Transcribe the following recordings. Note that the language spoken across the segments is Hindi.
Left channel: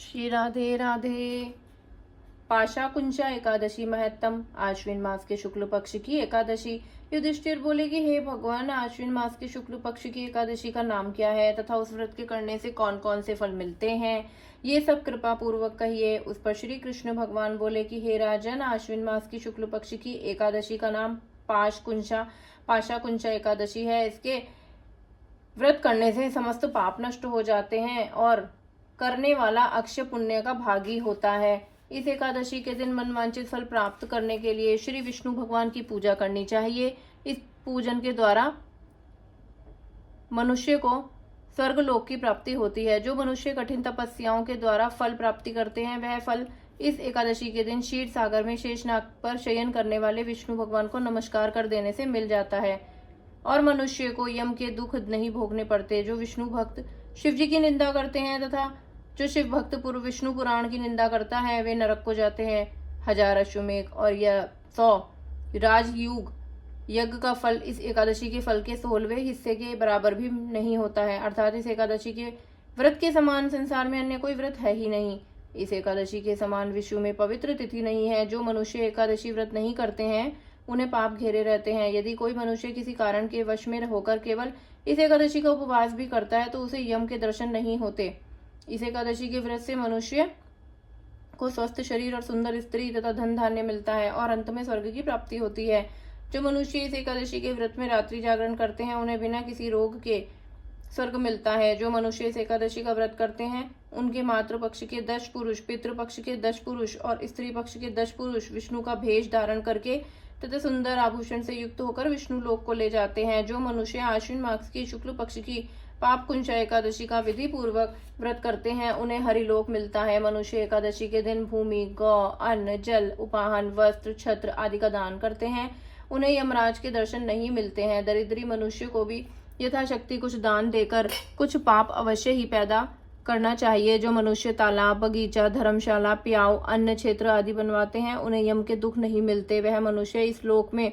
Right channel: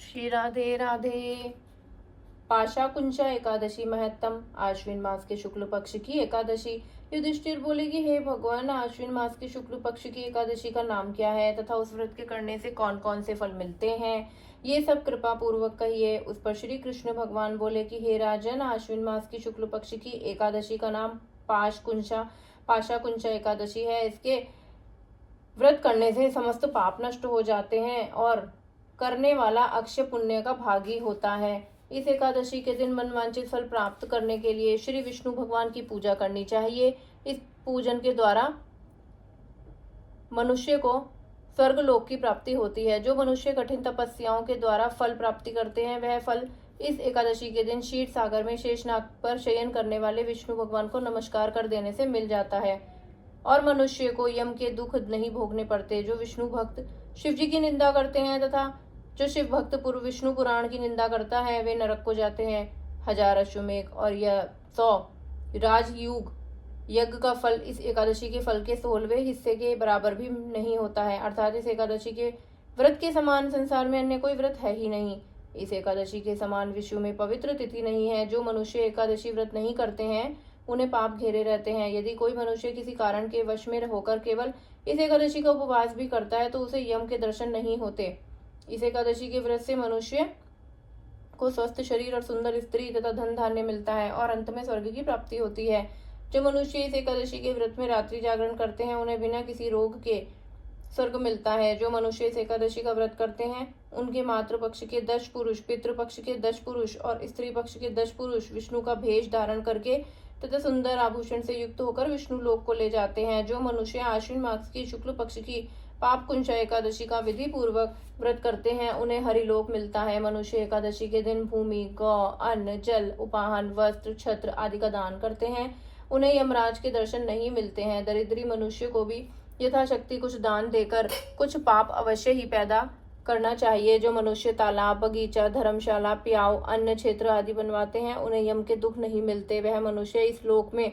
श्री राधे राधे। पाशा कुंचा एकादशी महत्तम। आश्विन मास के शुक्ल पक्ष की एकादशी। युधिष्ठिर बोले कि हे भगवान, आश्विन मास के शुक्ल पक्ष की एकादशी का नाम क्या है तथा उस व्रत के करने से कौन कौन से फल मिलते हैं, ये सब कृपा पूर्वक कहिए। उस पर श्री कृष्ण भगवान बोले कि हे राजन, आश्विन मास की शुक्ल पक्ष की एकादशी का नाम पाशा कुंचा एकादशी है। इसके व्रत करने से समस्त पाप नष्ट हो जाते हैं और करने वाला अक्षय पुण्य का भागी होता है। इस एकादशी के दिन मनवांचित फल प्राप्त करने के लिए श्री विष्णु भगवान की पूजा करनी चाहिए। इस पूजन के द्वारा मनुष्य को स्वर्ग लोक की प्राप्ति होती है। जो मनुष्य कठिन तपस्याओं के द्वारा फल प्राप्ति करते हैं, वह फल इस एकादशी के दिन क्षीर सागर में शेषनाग पर शयन करने वाले विष्णु भगवान को नमस्कार कर देने से मिल जाता है और मनुष्य को यम के दुख नहीं भोगने पड़ते। जो विष्णु भक्त शिव जी की निंदा करते हैं तथा जो शिव भक्त पूर्व विष्णु पुराण की निंदा करता है, वे नरक को जाते हैं। 1000 अश्वमेघ और यह 100 राजयुग यज्ञ का फल इस एकादशी के फल के 16वें हिस्से के बराबर भी नहीं होता है। अर्थात इस एकादशी के व्रत के समान संसार में अन्य कोई व्रत है ही नहीं। इस एकादशी के समान विश्व में पवित्र तिथि नहीं है। जो मनुष्य एकादशी व्रत नहीं करते हैं, उन्हें पाप घेरे रहते हैं। यदि कोई मनुष्य किसी कारण के वश में होकर केवल इस एकादशी का उपवास भी करता है, तो उसे यम के दर्शन नहीं होते। इस एकादशी के व्रत से मनुष्य को स्वस्थ शरीर और सुंदर स्त्री तथा धन धान्य मिलता है और अंत में स्वर्ग की प्राप्ति होती है। जो मनुष्य इस एकादशी के व्रत में रात्रि जागरण करते हैं, उन्हें बिना किसी रोग के स्वर्ग मिलता है। जो मनुष्य इस एकादशी का व्रत करते हैं, उनके मातृ पक्ष के 10 पुरुष, पितृ पक्ष के 10 पुरुष और स्त्री पक्ष के 10 पुरुष विष्णु का भेष धारण करके तथा सुंदर आभूषण से युक्त होकर विष्णु लोक को ले जाते हैं। जो मनुष्य आश्विन मास की शुक्ल पक्ष की पाप कुंचा एकादशी का विधि पूर्वक व्रत करते हैं, उन्हें हरिलोक मिलता है। मनुष्य एकादशी के दिन भूमि, गौ, अन्न, जल, उपाहन, वस्त्र, छत्र आदि का दान करते हैं, उन्हें यमराज के दर्शन नहीं मिलते हैं। दरिद्री मनुष्य को भी यथाशक्ति कुछ दान देकर कुछ पाप अवश्य ही पैदा करना चाहिए। जो मनुष्य तालाब, बगीचा, धर्मशाला, प्याव, अन्न क्षेत्र आदि बनवाते हैं, उन्हें यम के दुख नहीं मिलते। वह मनुष्य इस लोक में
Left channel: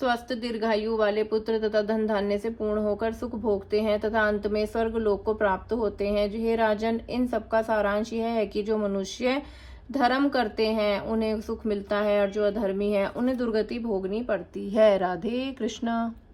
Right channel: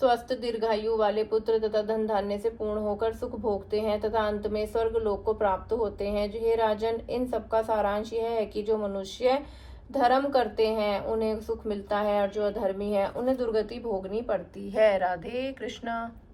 स्वस्थ दीर्घायु वाले पुत्र तथा धन धान्य से पूर्ण होकर सुख भोगते हैं तथा अंत में स्वर्ग लोक को प्राप्त होते हैं। हे राजन, इन सबका सारांश यह है कि जो मनुष्य धर्म करते हैं, उन्हें सुख मिलता है और जो अधर्मी है, उन्हें दुर्गति भोगनी पड़ती है। राधे कृष्णा।